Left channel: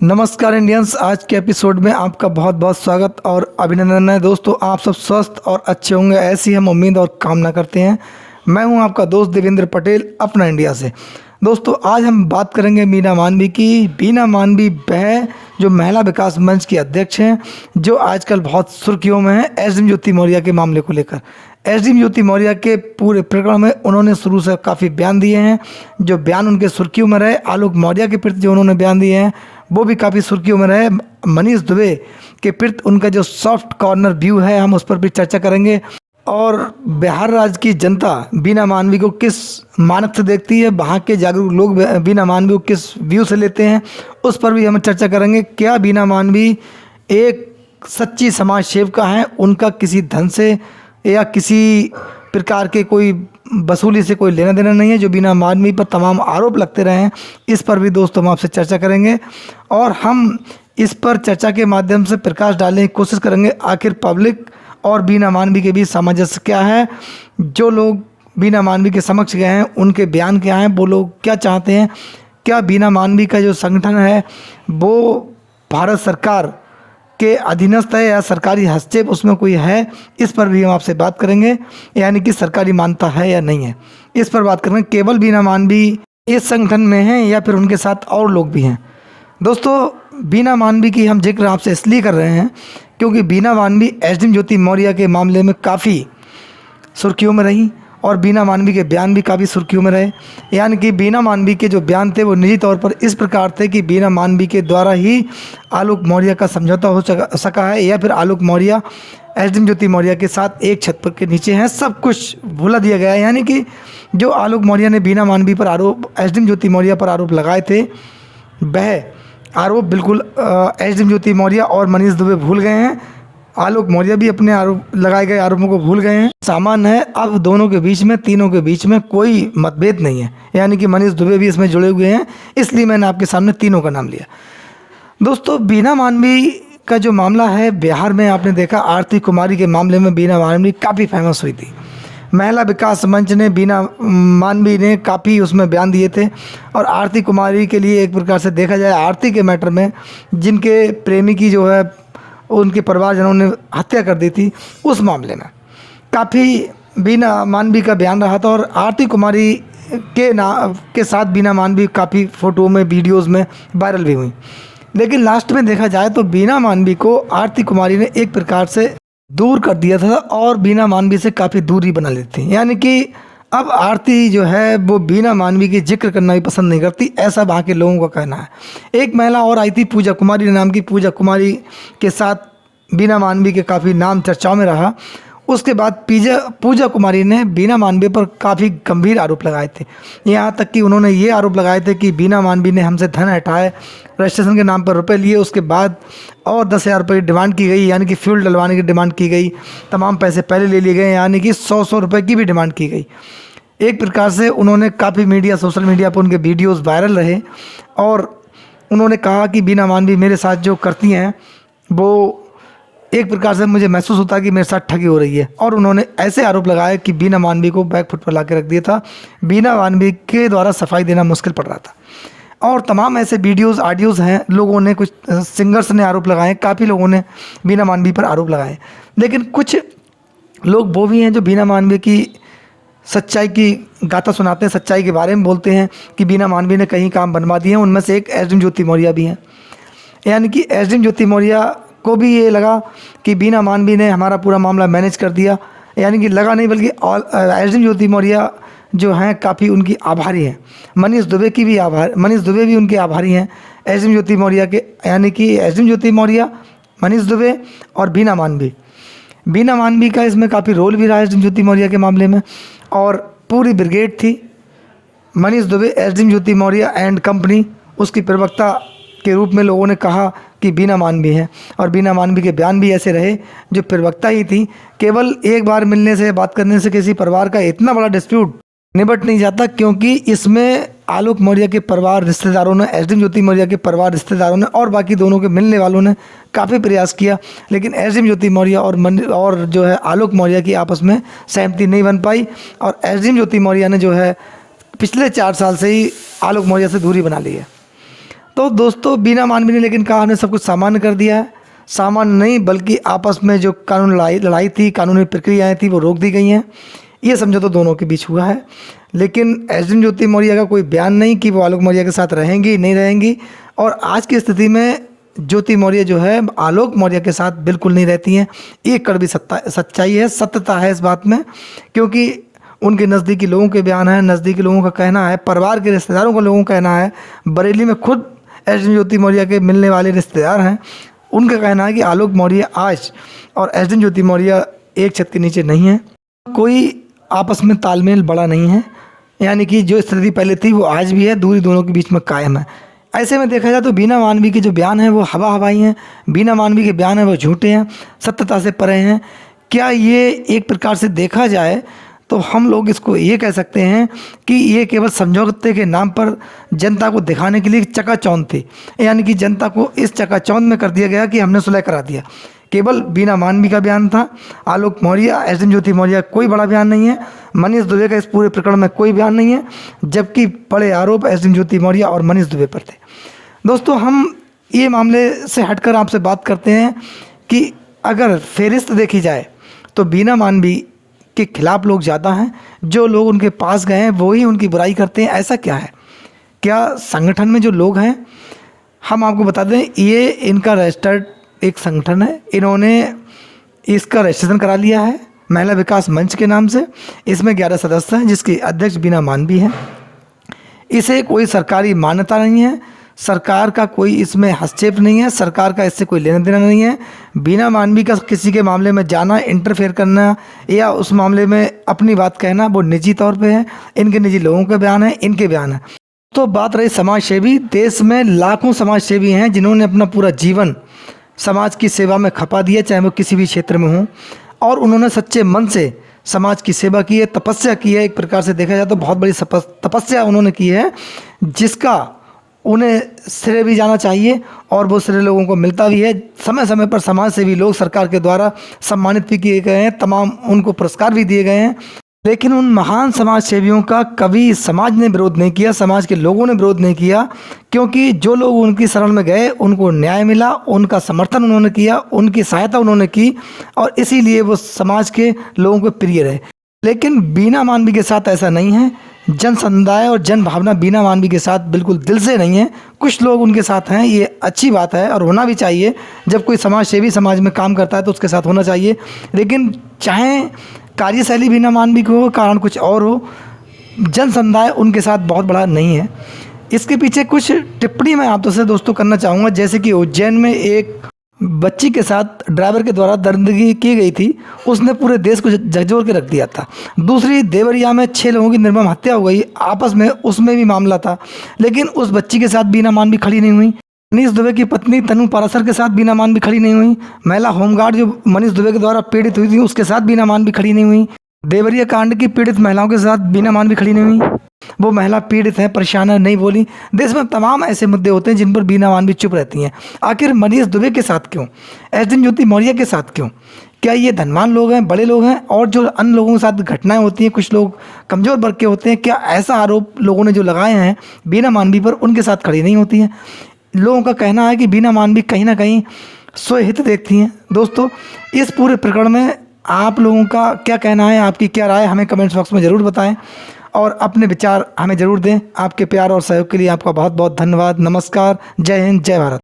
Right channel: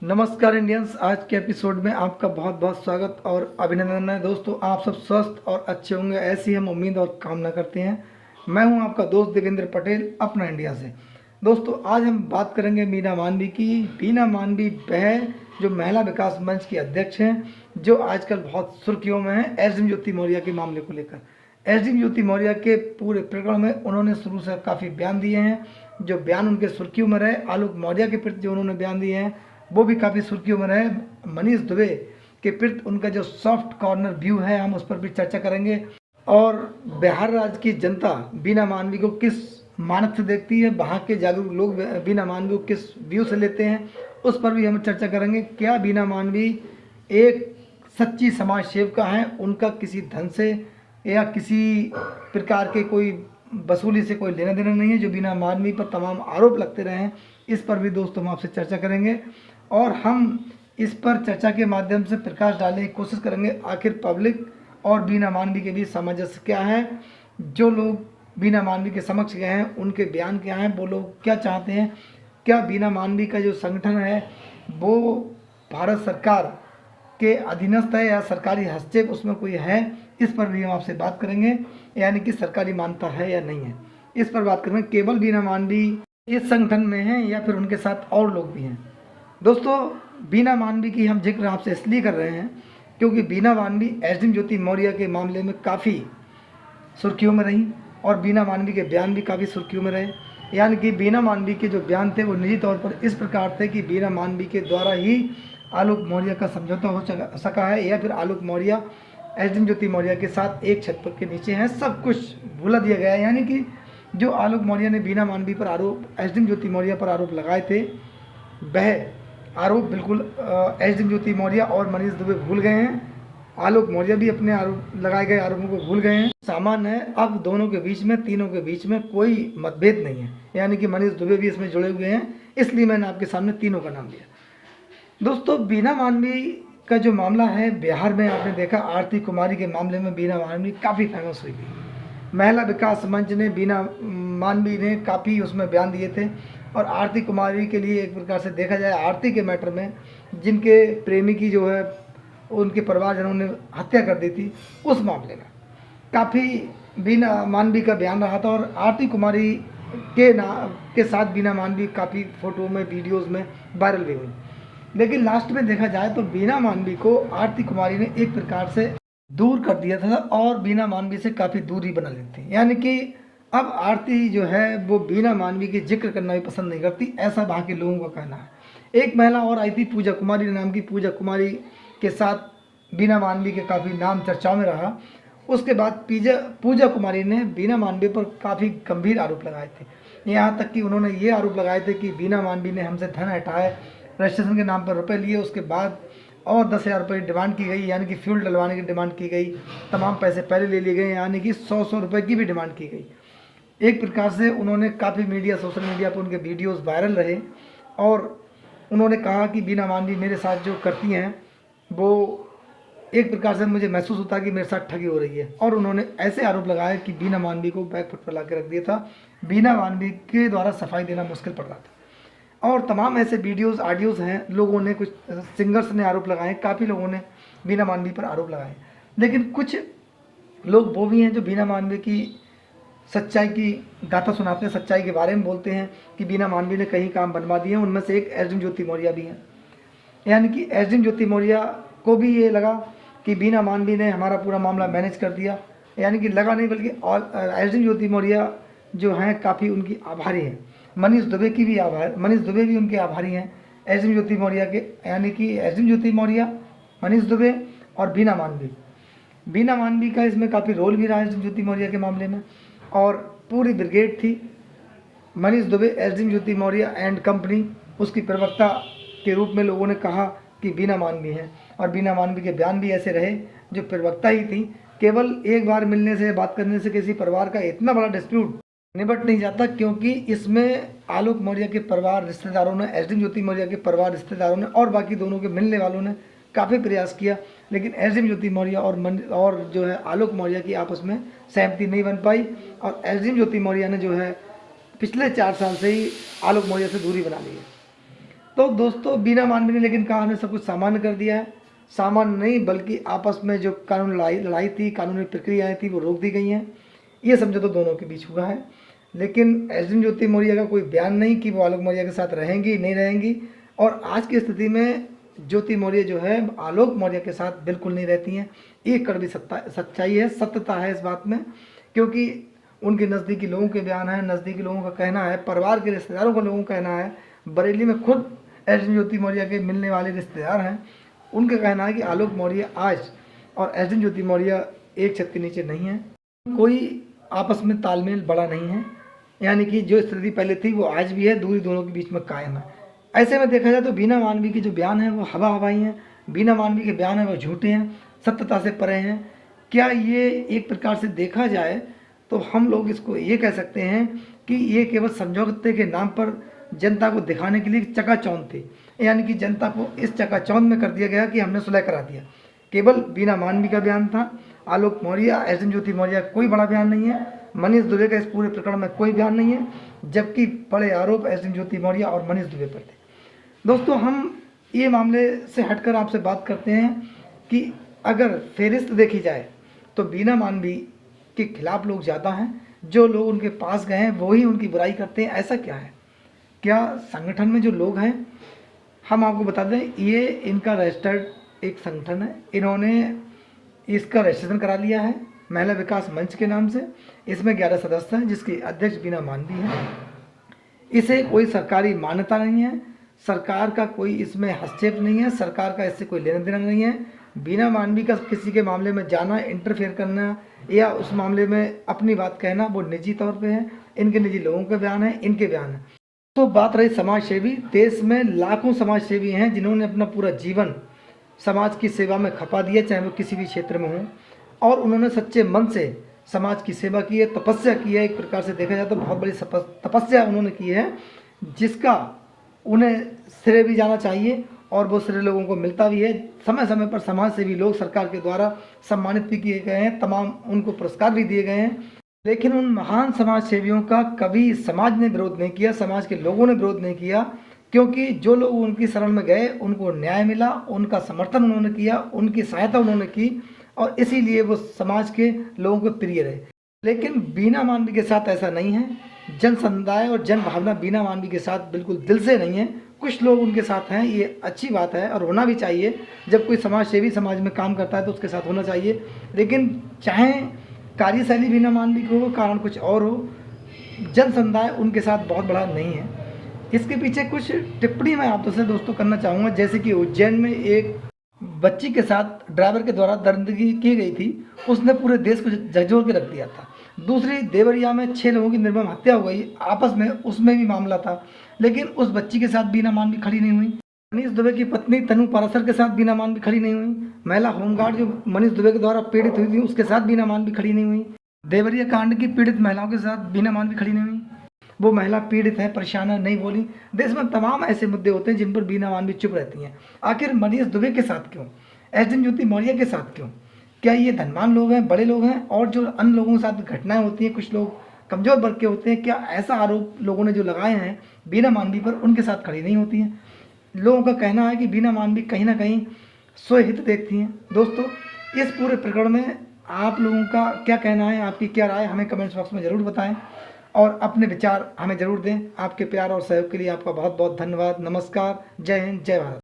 नमस्कार इंडियंस। आज के एपिसोड में आपका बहुत बहुत स्वागत और अभिनंदन है। दोस्तों, आप सब स्वस्थ और अच्छे होंगे, ऐसी हम उम्मीद और कामना करते हैं। मैं हूं आपका दोस्त देवेंद्र पटेल, अपना इंडिया से। दोस्तों, आज हम बात करेंगे बीना मानवी की। बीना मानवी वह जो महिला विकास मंच की अध्यक्ष हैं, जो आजकल बहुत सुर्खियों में है एसडीएम ज्योति मौर्य के मामले को लेकर। एसडीएम ज्योति मौर्य के पूरे प्रकरण में उन्होंने शुरू से काफ़ी बयान दिए हैं। जो बयान उनके सुर्खियों में रहे, आलोक मौर्य के प्रति जो उन्होंने बयान दिए हैं वो भी काफ़ी सुर्खियों में रहे। मनीष दुबे के प्रति उनका जो सॉफ्ट कॉर्नर व्यू है, हम उस पर भी चर्चा करेंगे। और बिहार राज्य की जनता बीना मानवी को किस मानक से देखती है, वहाँ के जागरूक लोग बीना मानवी को किस व्यू से लेते हैं, उस पर भी हम चर्चा करेंगे। क्या बीना मानवी एक सच्ची समाज सेविका हैं? उनका किसी धन से या किसी प्रकार के कोई वसूली से कोई लेना देना नहीं है जो बीना मानवी पर तमाम आरोप लगते रहे हैं। इस पर भी दोस्तों हम आपसे चर्चा करेंगे और हम इस पर चर्चा के माध्यम से प्रकाश डालने की कोशिश करेंगे। आखिर पब्लिक और बीना मानवी के बीच सामंजस्य क्या है? जो लोग बीना मानवी के समक्ष गए हैं उनके बयान क्या हैं? वो लोग क्या चाहते हैं? क्या बीना मानवी का जो संगठन है वो भारत सरकार के अधीनस्थ है या सरकारी हस्तक्षेप उसमें कोई है? इस पर भी हम आपसे बात करेंगे, यानी कि सरकारी मान्यता है या नहीं है, इस पर बात करेंगे। केवल बीना मानवी इस संगठन में हैं या फिर उनके साथ और लोग भी हैं? दोस्तों, बीना मानवी की हम जिक्र आपसे इसलिए कर रहे हैं क्योंकि बीना मानवी एसडीएम ज्योति मौर्य के मामले में काफ़ी सुर्खियों में रही और बीना मानवी के बयान भी काफ़ी सुर्खियों में रहे। यानी कि बीना मानवी के जो बयान थे वो निजी तौर पर इस प्रकार थे कि बीना मानवी के द्वारा ही आलोक मौर्य का समझौता हो सका है, या फिर आलोक मौर्य एसडीएम ज्योति मौर्य के साथ एक छत पर के नीचे हैं। सब कुछ भुला दिया गया है। यानी कि जो आलोक मौर्य ने बीना मानवी पर आरोप, एसडीएम ज्योति मौर्य पर आरोप लगाए थे, वह आरोप बिल्कुल एसडीएम ज्योति मौर्य और मनीष दुबे भूल गए हैं। आलोक मौर्य भी अपने आरोप लगाए गए आरोपों को भूल गए हैं। सामान्य है, अब दोनों के बीच में, तीनों के बीच में कोई मतभेद नहीं है। यानी कि मनीष दुबे भी इसमें जुड़े हुए हैं, इसलिए मैंने आपके सामने तीनों का नाम लिया। दोस्तों, बीना मानवी का जो मामला है, बिहार में आपने देखा आरती कुमारी के मामले में बीना मानवी काफ़ी फेमस हुई थी। महिला विकास मंच ने बीना मानवी ने काफ़ी उसमें बयान दिए थे और आरती कुमारी के लिए एक प्रकार से देखा जाए, आरती के मैटर में जिनके प्रेमी की जो है उनके परिवारजनों ने हत्या कर दी थी, उस मामले में काफ़ी बीना मानवी का बयान रहा था। और आरती कुमारी के साथ बीना मानवी काफ़ी फ़ोटो में, वीडियोज़ में वायरल भी हुई। लेकिन लास्ट में देखा जाए तो बीना मानवी को आरती कुमारी ने एक प्रकार से दूर कर दिया था और बीना मानवी से काफ़ी दूरी बना ली थी। यानी कि अब आरती जो है वो बीना मानवी की जिक्र करना भी पसंद नहीं करती, ऐसा वहाँ के लोगों का कहना है। एक महिला और आई थी, पूजा कुमारी नाम की। पूजा कुमारी के साथ बीना मानवी के काफ़ी नाम चर्चाओं में रहा। उसके बाद पूजा कुमारी ने बीना मानवी पर काफ़ी गंभीर आरोप लगाए थे। यहाँ तक कि उन्होंने ये आरोप लगाए थे कि बीना मानवी ने हमसे धन हटाए, रजिस्ट्रेशन के नाम पर रुपए लिए, उसके बाद और 10,000 रुपये की डिमांड की गई, यानी कि फ्यूल डलवाने की डिमांड की गई। तमाम पैसे पहले ले लिए गए, यानी कि 100 रुपये की भी डिमांड की गई। एक प्रकार से उन्होंने काफ़ी सोशल मीडिया पर उनके वीडियोस वायरल रहे और उन्होंने कहा कि बीना मानवी मेरे साथ जो करती हैं वो एक प्रकार से मुझे महसूस होता है कि मेरे साथ ठगी हो रही है। और उन्होंने ऐसे आरोप लगाए कि बीना मानवी को बैक फुट पर ला के रख दिया था, बीना मानवी के द्वारा सफाई देना मुश्किल पड़ रहा था। और तमाम ऐसे वीडियोस, ऑडियोज़ हैं। लोगों ने, कुछ सिंगर्स ने आरोप लगाए, काफ़ी लोगों ने बीना मानवी पर आरोप लगाए। लेकिन कुछ लोग वो भी हैं जो बीना मानवी की सच्चाई की गाथा सुनाते हैं, सच्चाई के बारे में बोलते हैं कि बीना मानवी ने कहीं काम बनवा दिए हैं। उनमें से एक एसडीएम ज्योति मौर्य भी हैं। यानी कि एसडीएम ज्योति मौर्य को भी ये लगा कि बीना मानवी ने हमारा पूरा मामला मैनेज कर दिया। यानी कि लगा नहीं, बल्कि एसडीएम ज्योति मौर्य जो हैं काफ़ी उनकी आभारी हैं। मनीष दुबे भी उनके आभारी हैं एसडीएम ज्योति मौर्य के। यानी कि एसडीएम ज्योति मौर्य, मनीष दुबे और बीना मानवी का इसमें काफ़ी रोल भी रहा एसडीएम ज्योति मौर्य के मामले में। और पूरी ब्रिगेड थी। Manish Dubey, SDM Jyoti Maurya and company, उसकी प्रवक्ता के रूप में लोगों ने कहा कि बीना मानवी है। और बीना मानवी के बयान भी ऐसे रहे जो प्रवक्ता ही थी। केवल एक बार मिलने से, बात करने से किसी परिवार का इतना बड़ा डिस्प्यूट निबट नहीं जाता, क्योंकि इसमें आलोक मौर्य के परिवार रिश्तेदारों ने, एसडीएम ज्योति मौर्य के परिवार रिश्तेदारों ने और बाकी दोनों के मिलने वालों ने काफ़ी प्रयास किया। लेकिन एसडीएम ज्योति मौर्य और जो है आलोक मौर्य की आपस में सहमति नहीं बन पाई। और एसडीएम ज्योति मौर्य ने जो है पिछले 4 साल से ही आलोक मौर्य से दूरी बना ली है। तो दोस्तों बीना मानवी ने लेकिन कहा हमने सब कुछ सामान्य कर दिया है। सामान्य नहीं बल्कि आपस में जो कानून लड़ाई थी, कानूनी प्रक्रियाएं थी, वो रोक दी गई हैं। ये समझौता दोनों के बीच हुआ है। लेकिन एसडीएम ज्योति मौर्य का कोई बयान नहीं कि वो आलोक मौर्य के साथ रहेंगी नहीं रहेंगी। और आज की स्थिति में ज्योति मौर्य जो है आलोक मौर्य के साथ बिल्कुल नहीं रहती हैं। एक कड़वी सच्चाई है, सत्यता है इस बात में, क्योंकि उनके नज़दीकी लोगों के बयान हैं, नज़दीकी लोगों का कहना है, परिवार के रिश्तेदारों के लोगों का कहना है, बरेली में खुद एसडीएम ज्योति मौर्य के मिलने वाले रिश्तेदार हैं, उनका कहना है कि आलोक मौर्य आज और एसडीएम ज्योति मौर्य एक छत के नीचे नहीं है। कोई आपस में तालमेल बड़ा नहीं है, यानी कि जो स्थिति पहले थी वो आज भी है, दूरी दोनों के बीच में कायम है। ऐसे में देखा जाए तो बीना मानवी के जो बयान हैं वो हवा हवाई हैं, बीना मानवी के बयान हैं वो झूठे हैं, सत्यता से परे हैं। क्या ये एक प्रकार से देखा जाए तो हम लोग इसको ये कह सकते हैं कि ये केवल समझौते के नाम पर जनता को दिखाने के लिए चकाचौंध थी, यानी कि जनता को इस चकाचौंध में कर दिया गया कि हमने सुलह करा दिया। केवल बीना मानवी का बयान था, आलोक मौर्य, एसडीएम ज्योति मौर्य कोई बड़ा बयान नहीं है, मनीष दुबे का इस पूरे प्रकरण में कोई बयान नहीं है, जबकि बड़े आरोप एसडीएम ज्योति मौर्य और मनीष दुबे पर थे। दोस्तों हम ये मामले से हटकर आपसे बात करते हैं कि अगर फेरिस्त देखी जाए तो बीना मानवी के खिलाफ लोग ज़्यादा हैं, जो लोग उनके पास गए हैं वो ही उनकी बुराई करते हैं। ऐसा क्या है? क्या संगठन में जो लोग हैं, हम आपको बता दें ये इनका रजिस्टर्ड एक संगठन है, इन्होंने इसका रजिस्ट्रेशन करा लिया है महिला विकास मंच के नाम से। इसमें 11 सदस्य हैं जिसके अध्यक्ष बीना मानवी हैं। इसे कोई सरकारी मान्यता नहीं है, सरकार का कोई इसमें हस्तक्षेप नहीं है, सरकार का इससे कोई लेना देना नहीं है। बीना मानवी का किसी के मामले में जाना, इंटरफेयर करना या उस मामले में अपनी बात कहना वो निजी तौर पे है, इनके निजी लोगों के बयान है, इनके बयान है। तो बात रही समाज सेवी, देश में लाखों समाज सेवी हैं जिन्होंने अपना पूरा जीवन समाज की सेवा में खपा दिया, चाहे वो किसी भी क्षेत्र में हो, और उन्होंने सच्चे मन से समाज की सेवा की है, तपस्या की है। एक प्रकार से देखा जाए तो बहुत बड़ी तपस्या उन्होंने की है, जिसका उन्हें श्रेय भी जाना चाहिए और वो श्रेय लोगों को मिलता भी है। समय समय पर समाज सेवी लोग सरकार के द्वारा सम्मानित भी किए गए हैं, तमाम उनको पुरस्कार भी दिए गए हैं। लेकिन उन महान समाज सेवियों का कभी समाज ने विरोध नहीं किया, समाज के लोगों ने विरोध नहीं किया, क्योंकि जो लोग उनकी शरण में गए उनको न्याय मिला, उनका समर्थन उन्होंने किया, उनकी सहायता उन्होंने की, और इसीलिए वो समाज के लोगों को प्रिय रहे। लेकिन बीना मानवी के साथ ऐसा नहीं है। जन समुदाय और जन भावना बीना मानवी के साथ बिल्कुल दिल से नहीं है। कुछ लोग उनके साथ हैं, ये अच्छी बात है और होना भी चाहिए। जब कोई समाज सेवी समाज में काम करता है तो उसके साथ होना चाहिए। लेकिन चाहे कार्यशैली बीना मानवी की हो, कारण कुछ और हो, जन समुदाय उनके साथ बहुत बड़ा नहीं है। इसके पीछे कुछ टिप्पणी मैं आप से दोस्तों करना चाहूँगा। जैसे कि उज्जैन में एक बच्ची के साथ ड्राइवर के द्वारा दरिंदगी की गई थी, उसने पूरे देश को झकझोर के रख दिया था। दूसरी देवरिया में 6 लोगों की निर्मम हत्या हो गई आपस में, उसमें भी मामला था, लेकिन उस बच्ची के साथ बीना मानवी खड़ी नहीं हुई। मनीष दुबे की पत्नी तनु पारासर के साथ बीना मानवी खड़ी नहीं हुई। महिला होमगार्ड जो मनीष दुबे के द्वारा पीड़ित हुई थी उसके साथ बीना मानवी खड़ी नहीं हुई। देवरिया कांड की पीड़ित महिलाओं के साथ बीना मानवी खड़ी नहीं हुई। वो महिला पीड़ित है, परेशान है, नहीं बोली। देश में तमाम ऐसे मुद्दे होते हैं जिन पर बीना मानवी चुप रहती हैं। आखिर मनीष दुबे के साथ क्यों, एसडीएम ज्योति मौर्य के साथ क्यों? क्या ये धनवान लोग हैं, बड़े लोग हैं, और जो अन्य लोगों के साथ घटनाएं होती हैं कुछ लोग कमज़ोर वर्ग के होते हैं, क्या ऐसा आरोप लोगों ने जो लगाए हैं बीना मानवी पर उनके साथ खड़ी नहीं होती हैं? लोगों का कहना है कि बीना मानवी कहीं ना कहीं स्वहित देखती हैं। दोस्तों इस पूरे प्रकरण में आप लोगों का क्या कहना है, आपकी क्या राय, हमें कमेंट्स बॉक्स में ज़रूर बताएं और अपने विचार हमें ज़रूर दें। आपके प्यार और सहयोग के लिए आपका बहुत बहुत धन्यवाद। नमस्कार, जय हिंद, जय भारत।